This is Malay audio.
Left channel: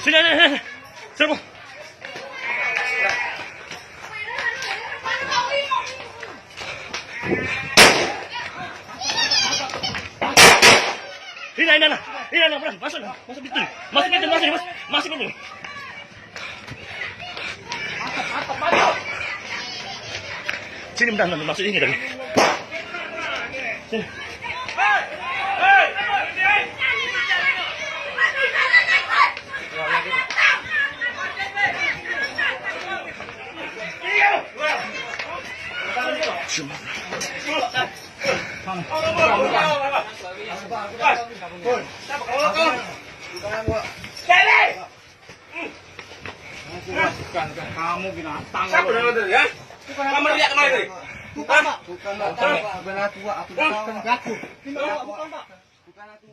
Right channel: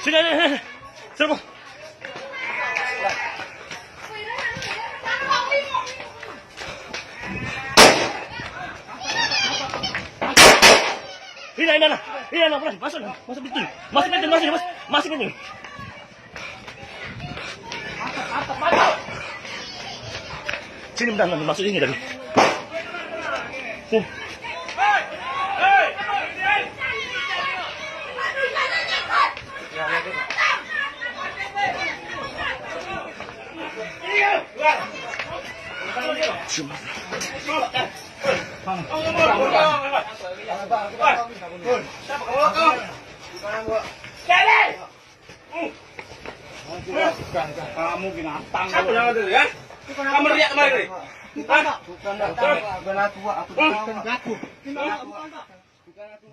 Sini, sini. Serbu. Ini, masuk pintu. Masuk pintu. Mantap. Sini bentar, masuk ini tadi. Sini. Cuma. Kamu binatang. Siapa nama itu ya? Kamu lihat kemarin tadi? Bukan aku. Bukan aku. Bukan aku.